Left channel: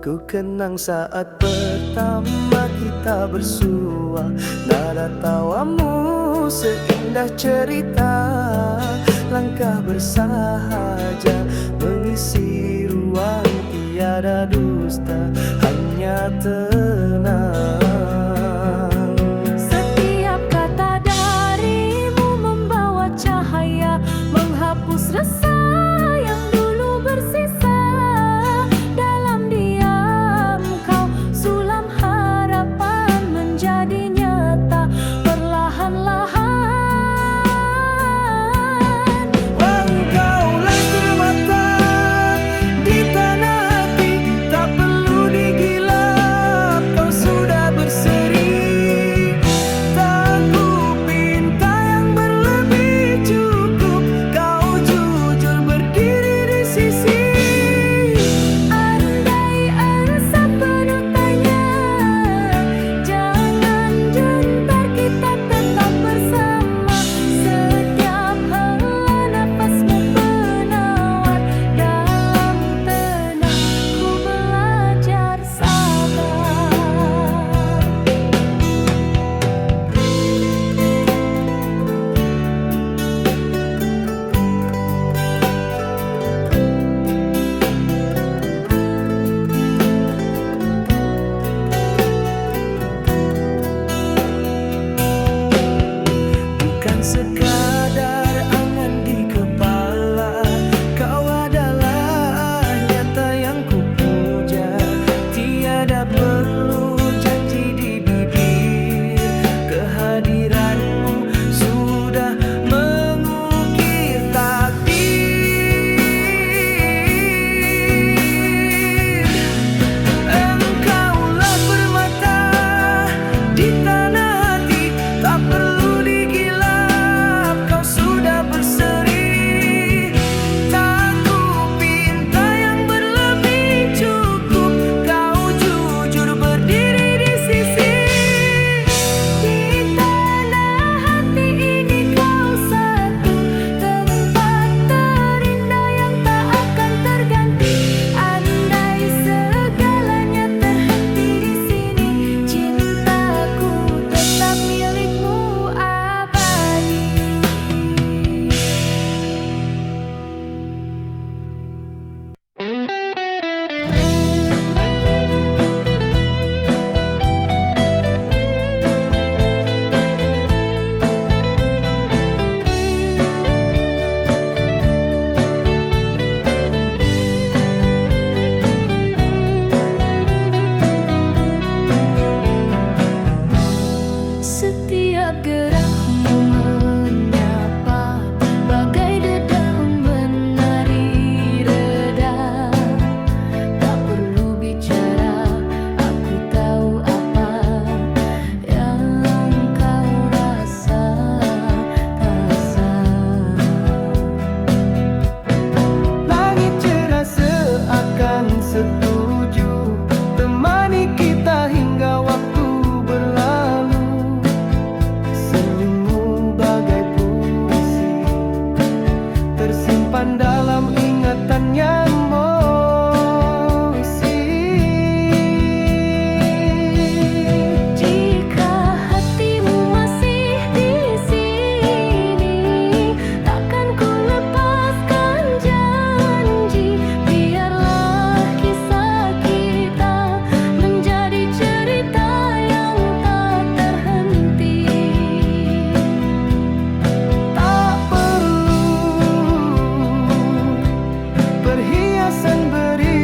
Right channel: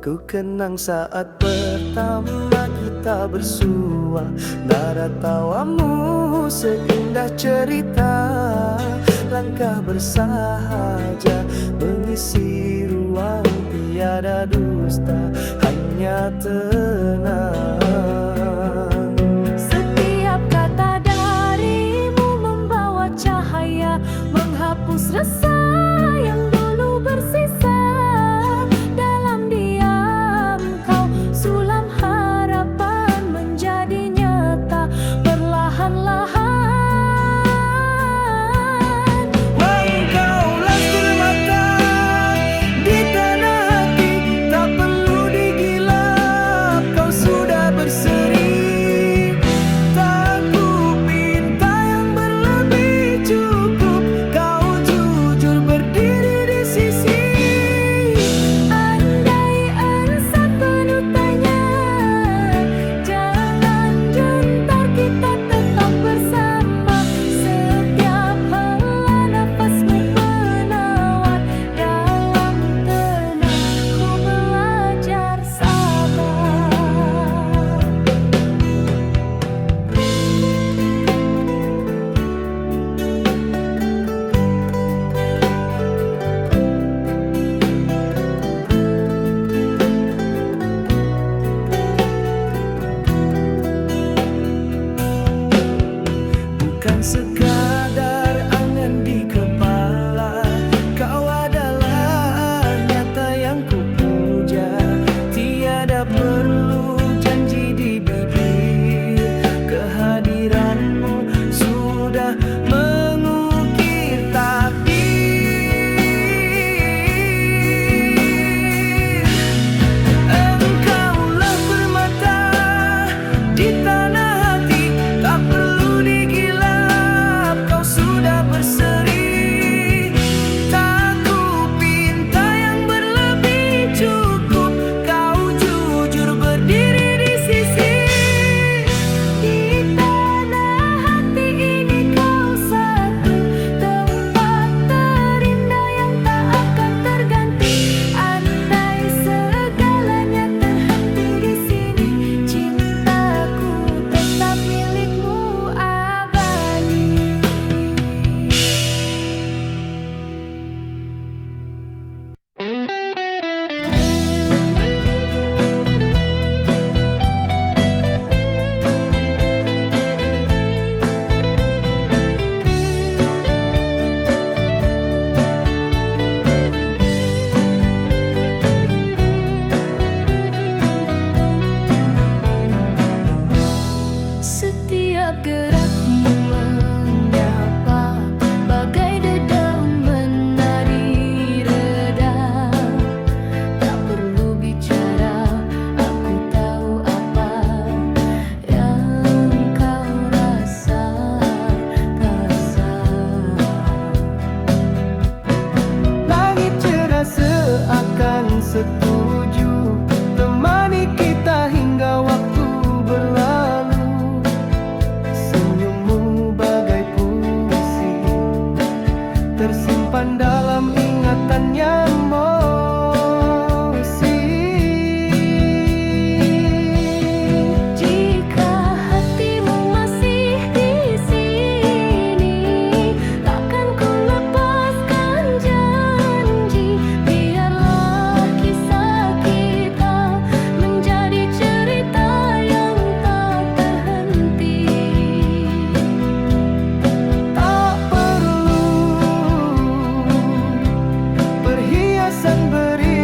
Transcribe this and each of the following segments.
Ku kenang saat pertama kita bersua, nada tawamu seindah cerita. Langkah bersahaja mengisi ruang tiada dusta, hanya tenang. Setiap kata darimu membawa cahaya, menghapus resah yang dulu bersisa. Dalam diam kau sulam harapan menjadi nyata perlahan-lahan. Engkaulah permata di tanah hati, tak perlu digilap, kau sudah berseri. Tak ku pinta yang berlebih, cukup kau jujur berdiri di sisi. Andai ansap penuh tanya, jangan gentar, kita tetap bersama. Setiap hela nafasmu penawar, dalam tenang ku belajar sabar. Bukan sekadar angan di kepala, kau adalah nyata yang kupuja. Tiada perlu janji di bibir, kehadiranmu sudah mengukir takdir. Engkaulah permata di tanah hati, tak perlu digilap, kau sudah berseri. Tak ku pinta yang berlebih, cukup kau jujur berdiri di sisi. Di tanah hati ini kau satu, tempat terindah yang tak akan terganti. Andai segalanya terhenti di sini, cintaku tetap milikmu abadi. Setiap gerakmu menyapa, bagai dedaun menari reda. Tak perlu bicara, aku tahu apa yang kau rasa. Langit cerah seakan setuju, temani kita hingga waktu berlalu. Senyummu bagai puisi, tersimpan dalam ingatan yang emosi. Jika hatimu masih di sini, takkan ku lepaskan janji. Biarlah kisah kita menjadi cerita yang tak terhenti. Tak perlu perhiasan beri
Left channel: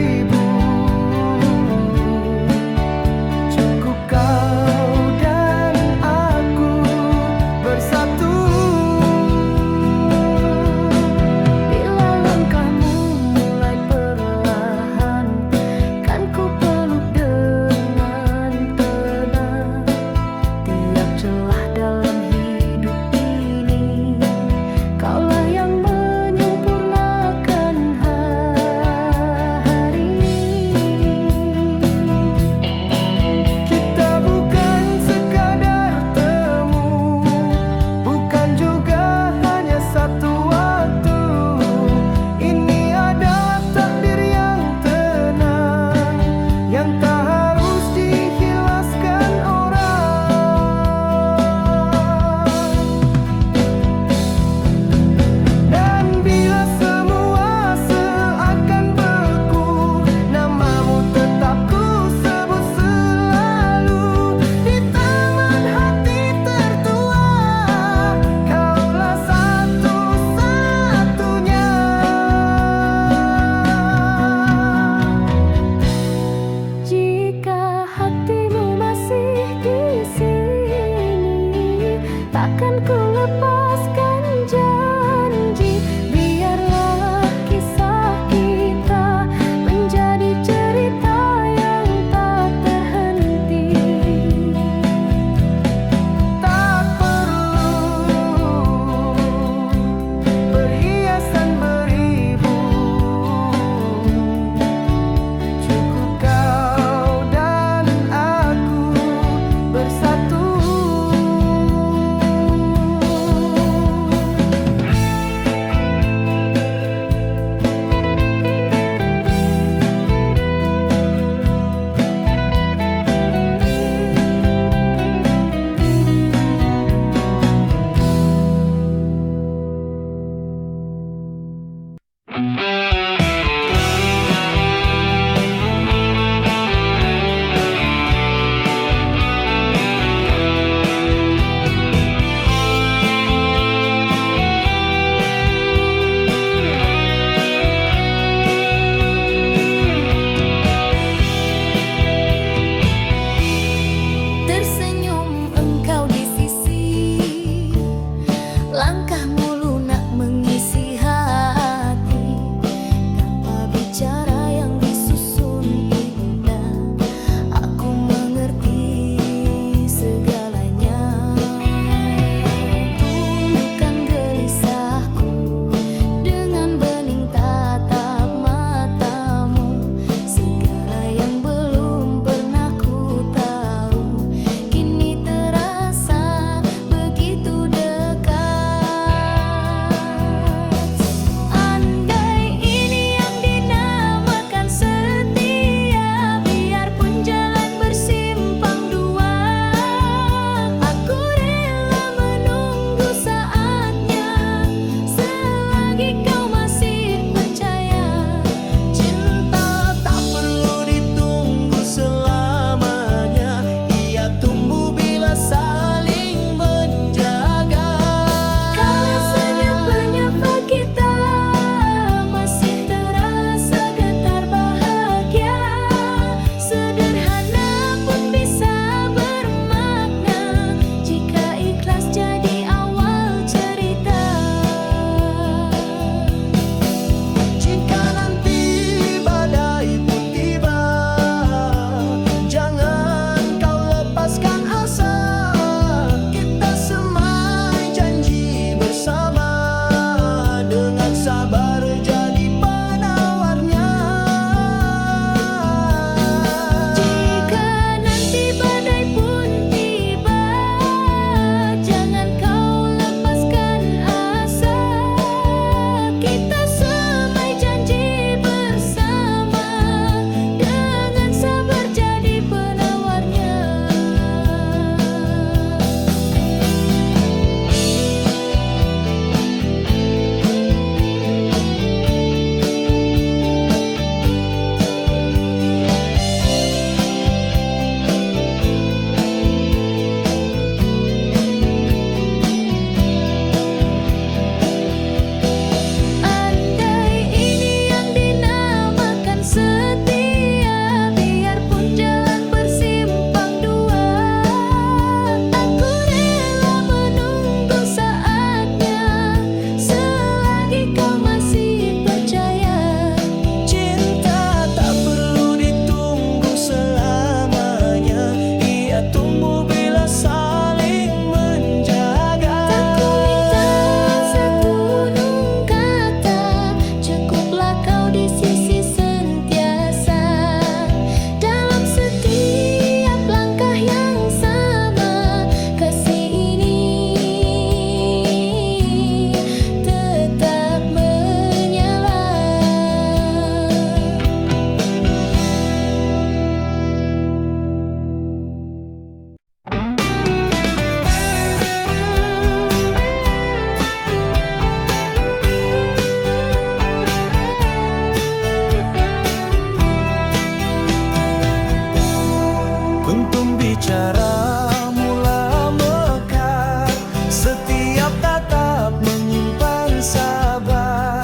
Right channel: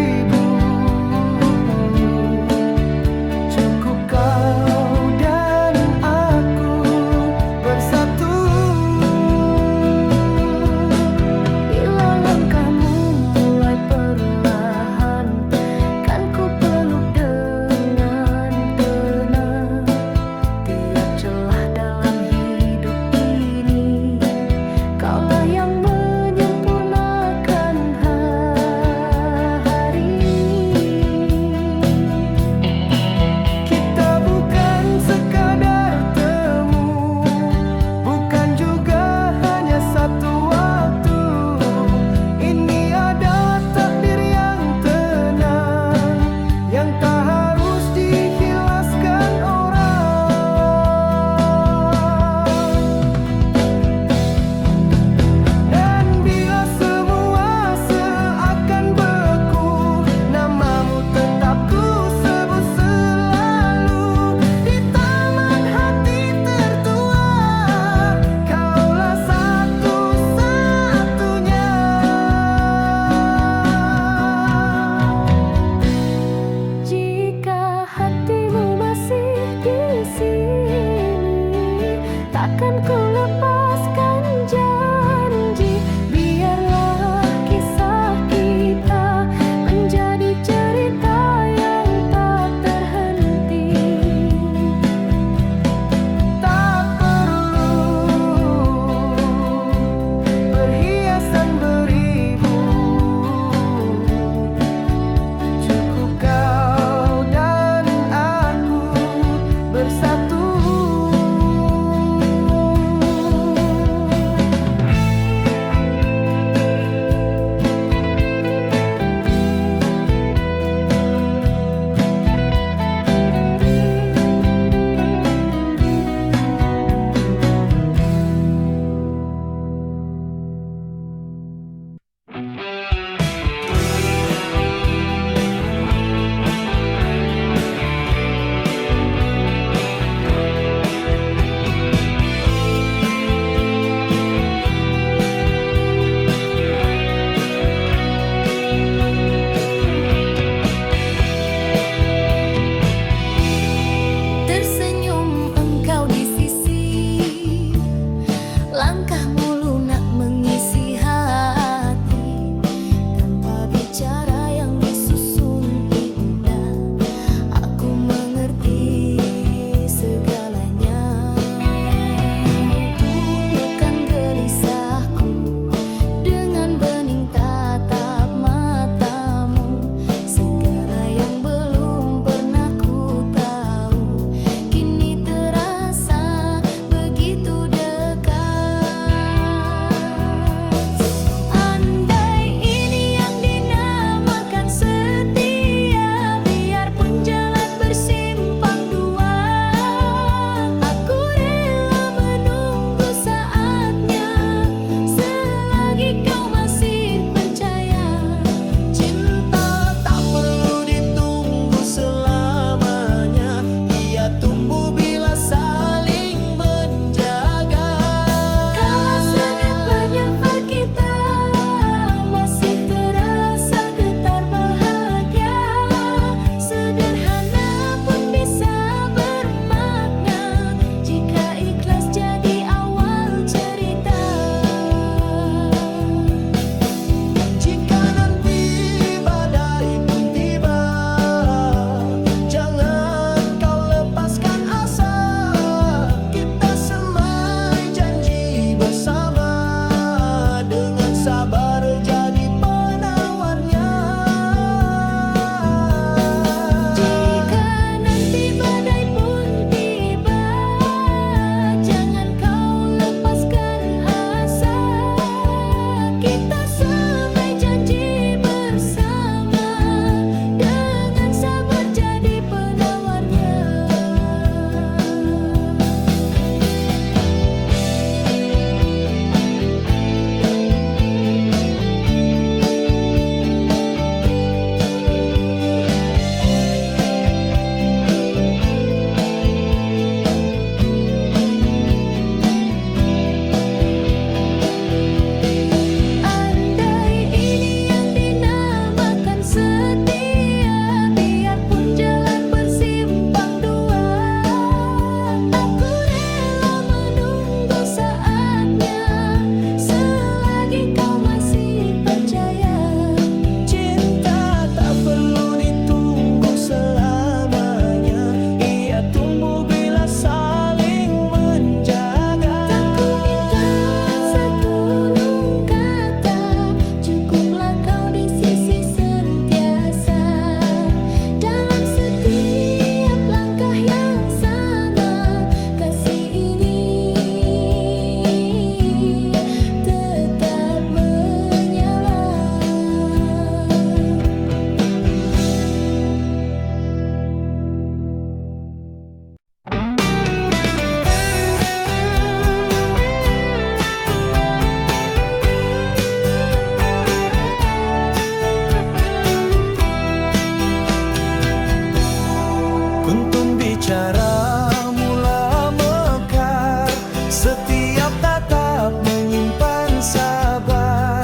Kuntum bicara mula mekar, setiap tatap menyimpan sabar.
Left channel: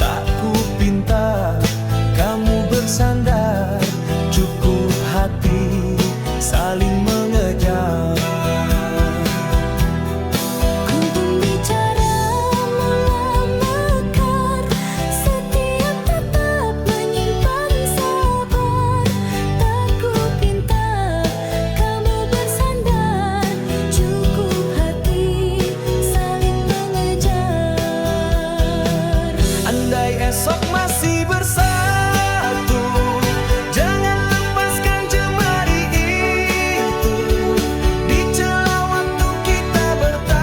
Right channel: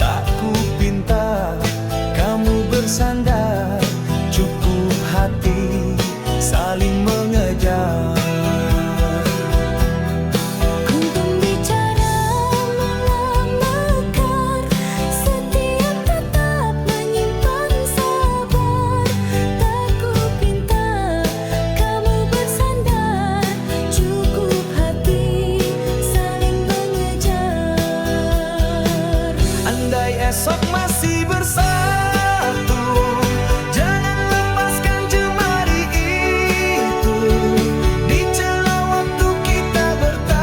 Tak ku pinta kamu bersandar, cukup hati saling mengejar. Kuntum bicara mula mekar, setiap tatap menyimpan sabar. Tak ku pinta kamu bersandar, cukup hati saling mengejar. Andai esok masih bersatu, jangan lepaskan jemari itu. Di celah waktu kita bertaut,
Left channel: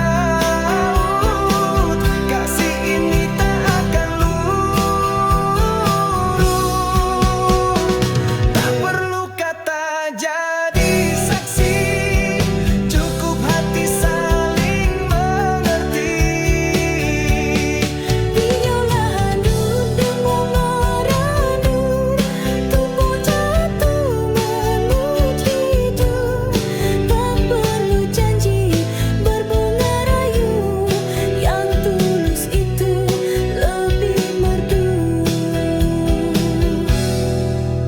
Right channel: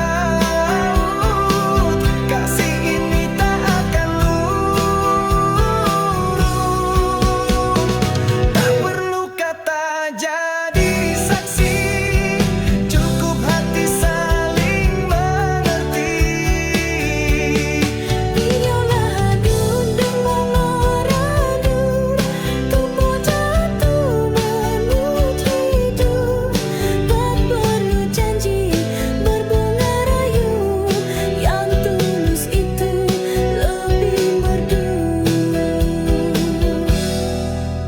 kasih ini tak akan luruh. Tak perlu kata jadi saksi, cukup hati saling mengerti. Videolah handun dengung ngarandur, tubuh jatuh menuju hidup. Tak perlu janji berbunga rayu, yang tulus itu lebih merdu.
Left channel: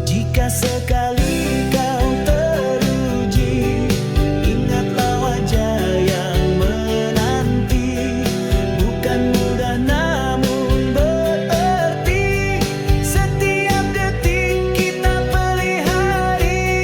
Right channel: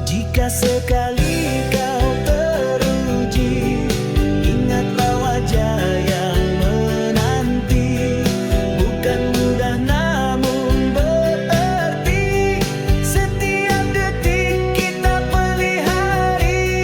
Jika sekali kau teruji, ingatlah wajah yang menanti. Bukan mudah namun berarti, setiap detik kita pelihari.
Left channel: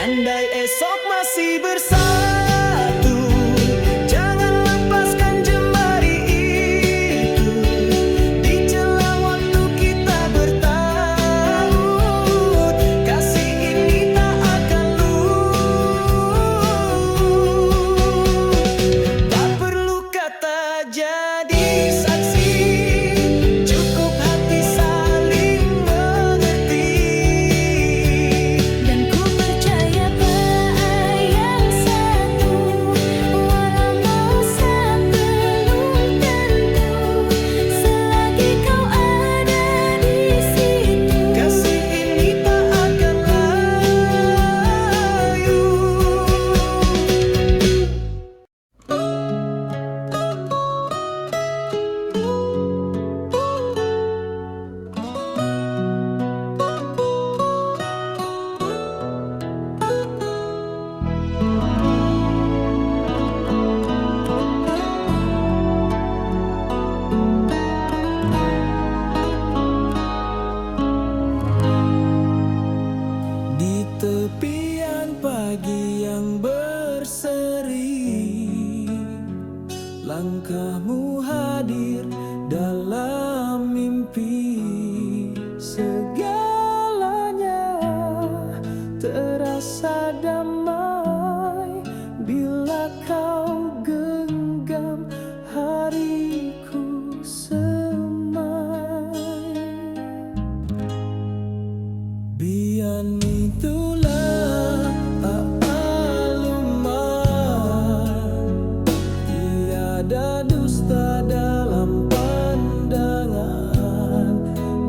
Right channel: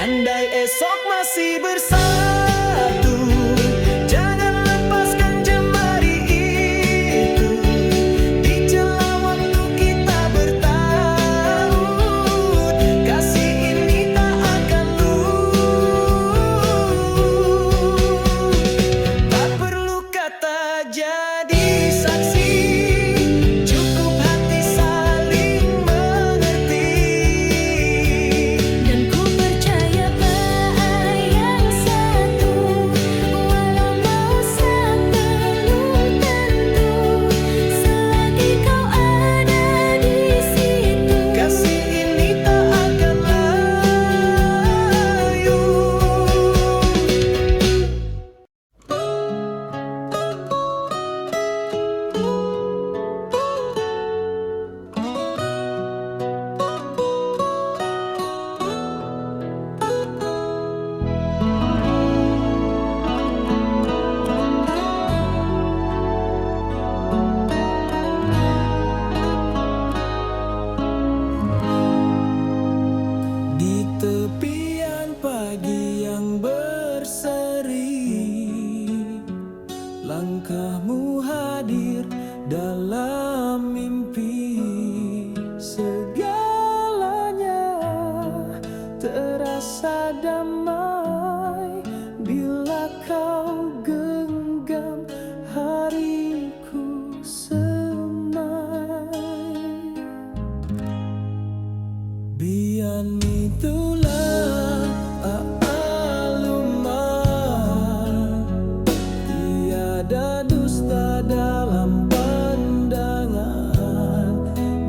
Andai esok masih bersatu, jangan lepaskan jemari itu. Di celah waktu kita bertaut, kasih ini tak akan luruh. Tak perlu kata jadi saksi, cukup hati saling mengerti. Dan ku percaya yang satu, walau mausak belum tentu, selagi kau ada di situ. Kasih ini tak akan layu. Di tepian pagi yang berseri, langkahmu hadir dalam mimpi. Segalanya terasa damai bila kau genggam hariku semai. Bian itulah aluman, tiada dusta dalam pandangan.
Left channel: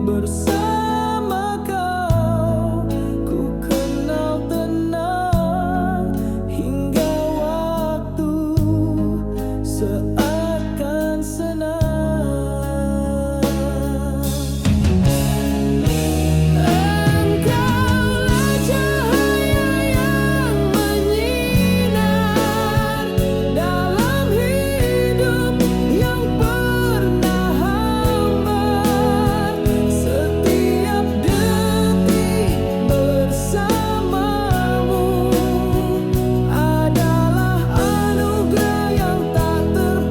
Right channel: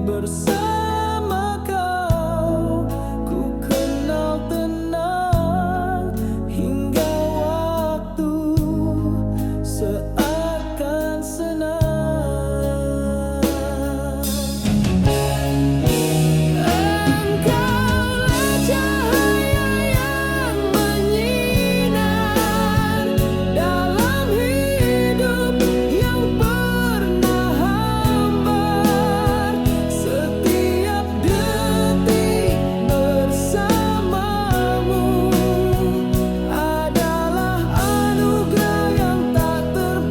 Bersama kau ku kenal tenang, hingga waktu seakan senang. Engkaulah cahaya yang menyinar dalam hidup yang pernah hambar. Setiap detik bersamamu adalah anugerah yang tak terbatas.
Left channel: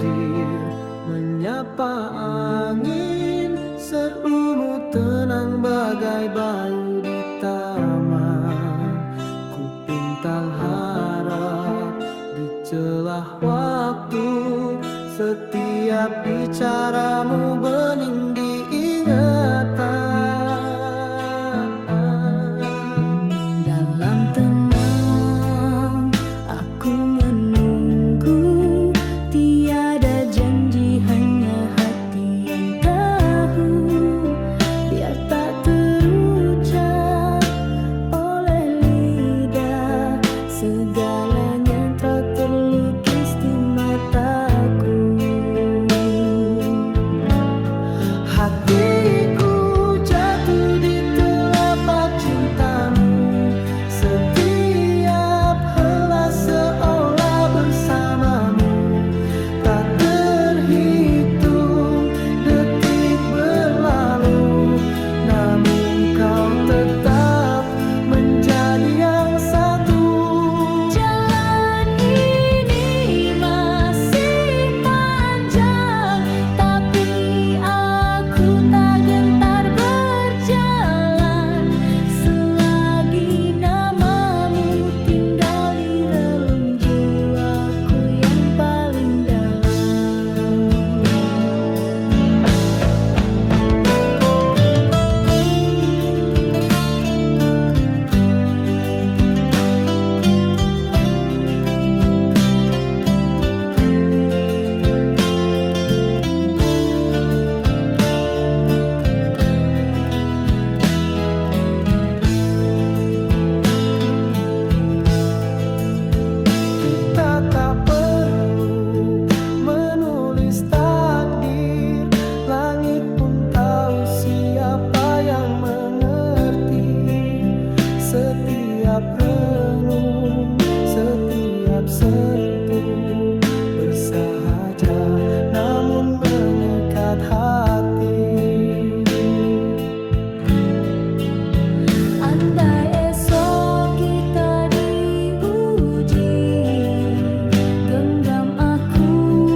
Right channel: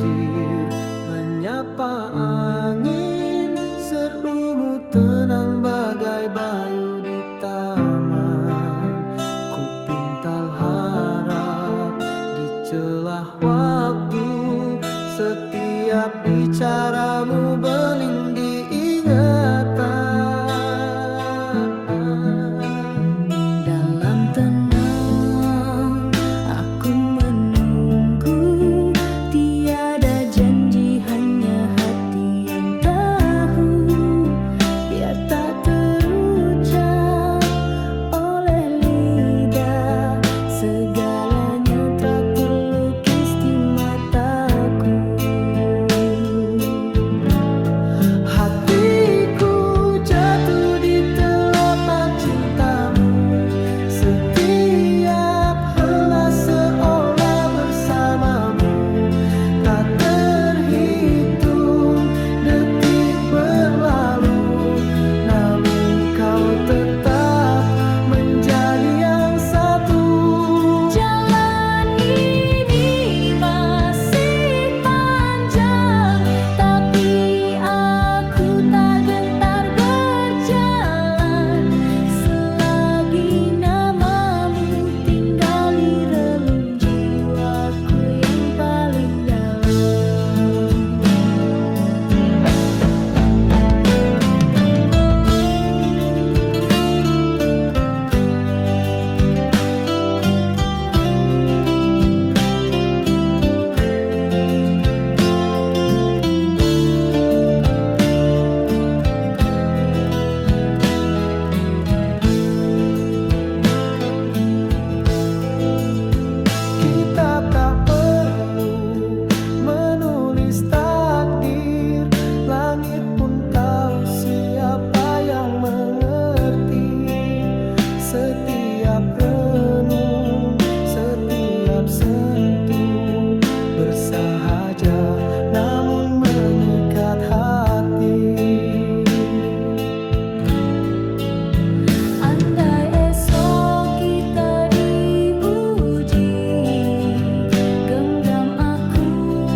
hadir menyapa angin. Serumu tenang bagai bayu di taman. Ku pintal harap di celah waktu. Setiap bicaramu bening di ingatan. Dalam tenang aku menunggu, tiada janji hanya hati yang tahu. Biar tak terucap oleh lidah, segalanya tak terlukis di mataku. Hatiku jatuh di telapak cintamu. Setiap helai seolah bersamamu. Tak terhitung detik berlalu, namun kau tetap menjadi yang satu. Jalan ini masih panjang, tapi aku tak gentar berjalan selagi namamu tinggal di relung jiwaku yang paling dalam. Kita tak perlu menulis takdir. Langit pun tahu siapa yang mengerti. Setiap renung, setiap sentuh bersahaja namun mengikat hati. Andai esok kita diuji, genggam aku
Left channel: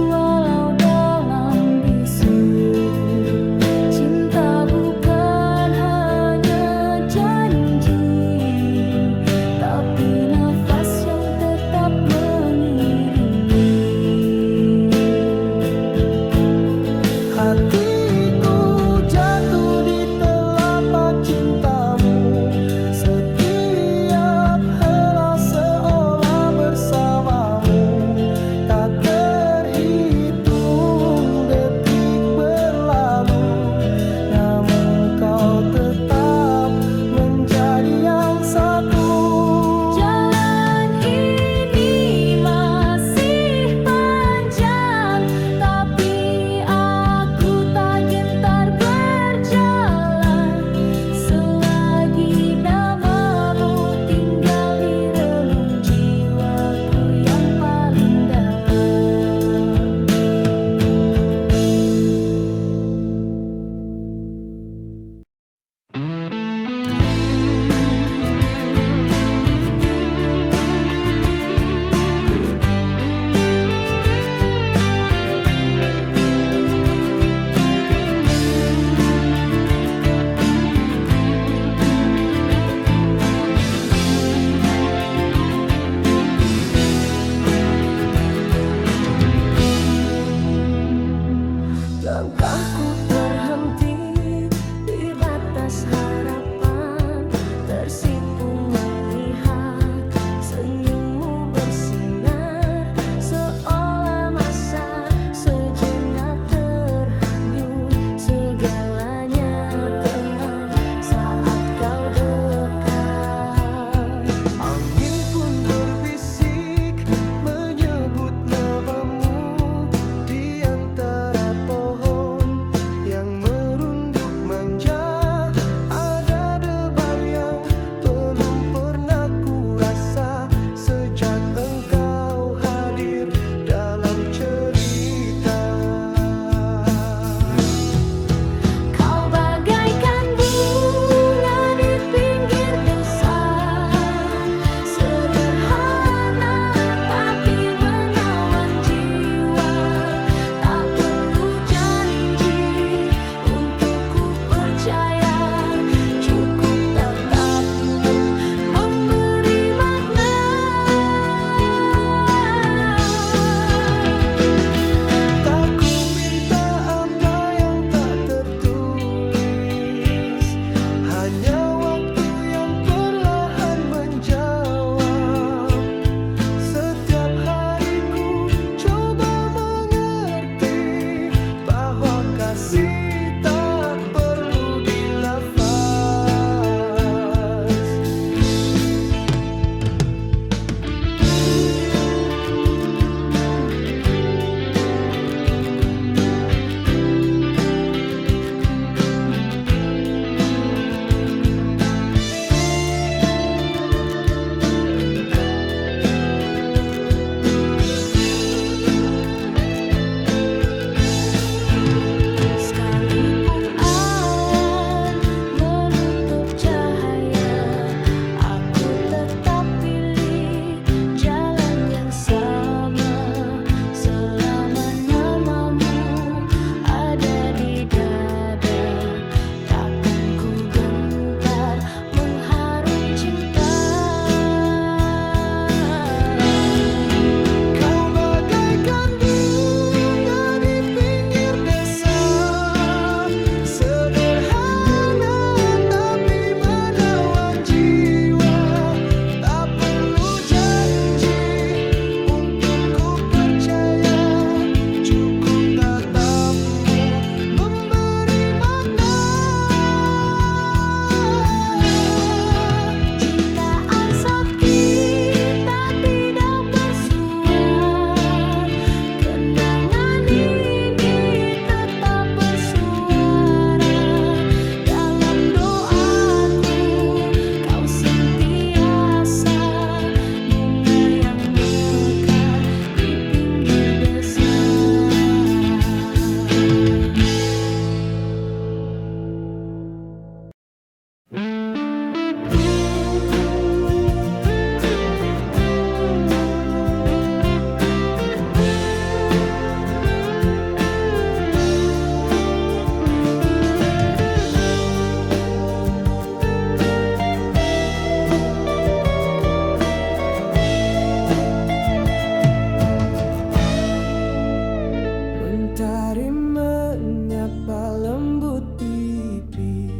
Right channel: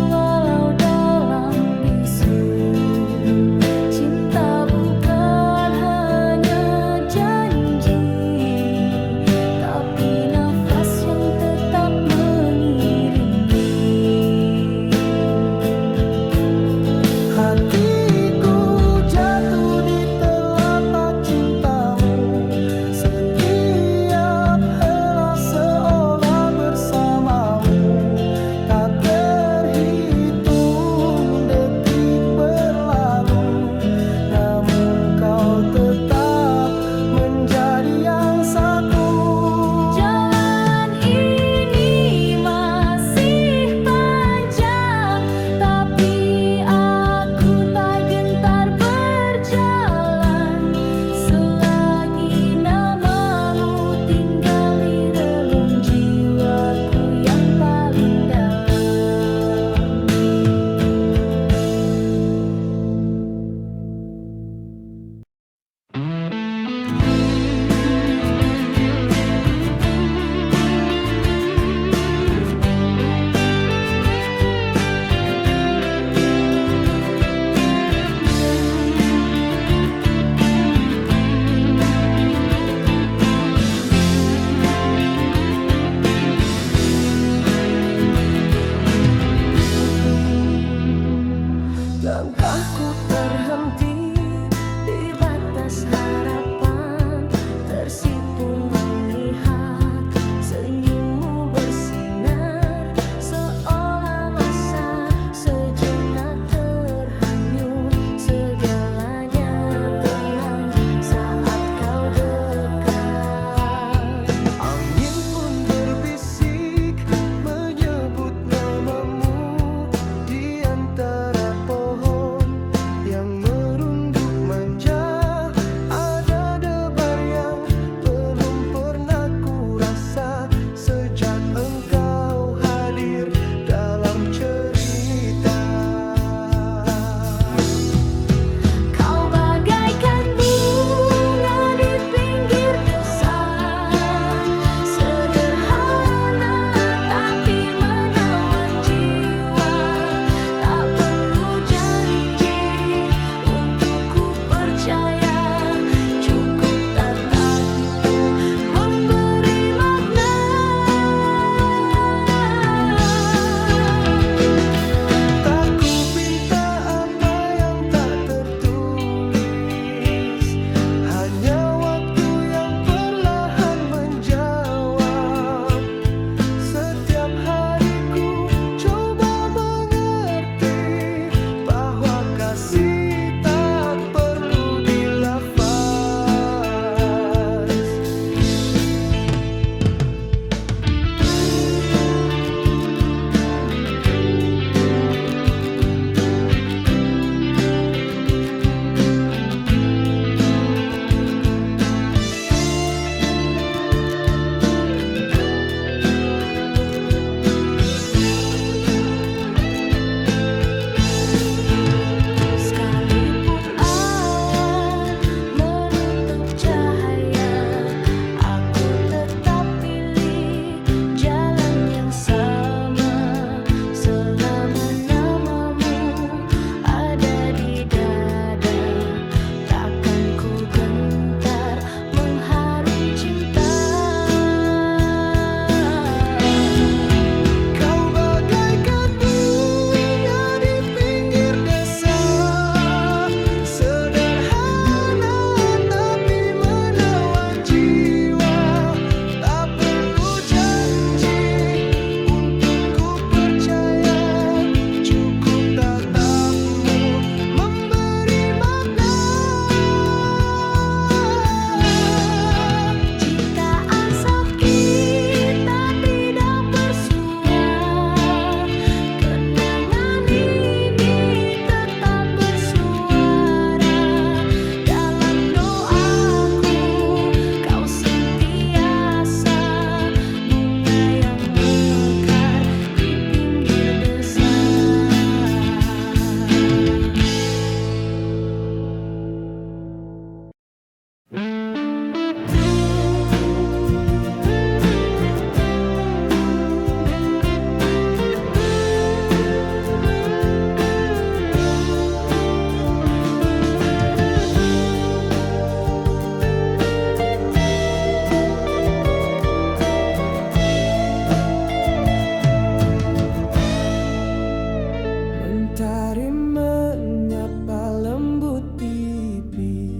walau dalam bisu. Cinta bukan hanya janji, tapi nafas yang tetap mengiringi. Hatiku jatuh di telapak cintamu. Setiap helai seolah bersamamu. Tak terhitung detik berlalu, namun kau tetap menjadi yang satu. Jalan ini masih panjang, tapi aku tak gentar berjalan selagi namamu tinggal di relung jiwaku yang paling dalam. Langkahku Terhenti di batas harapan, tersipu melihat senyummu bersinar, seolah masa sejenak terhanyut. Segalanya tenang saat kau dekat. angin pun berbisik menyebut namamu di antara pohon yang merunduk manja. Ada debar yang di dada, takkan ku gentar mengharung cinta. Kau bagaikan bunga di pinggir desa, sederhana tapi menawan jiwa. Tak perlu janji untuk ku percaya, cukup tatapmu memberi makna. Jutaan sop kita tidak bersuara, kenangan ini tetap bersuara. Dalam doaku kau sentiasa bunga yang mekar di pinggir desa. Mentari menyapa lembut pipi,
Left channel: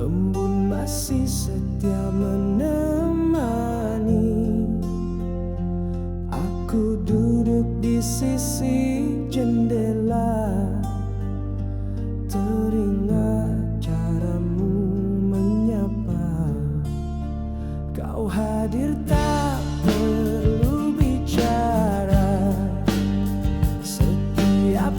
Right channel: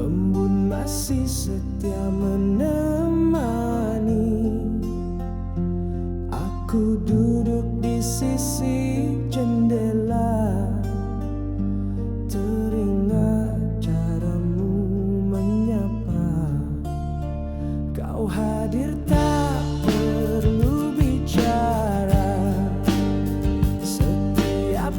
embun masih setia menemani. Aku duduk di sisi jendela, teringat caramu menyapa. Kau hadir tak perlu bicara, setiap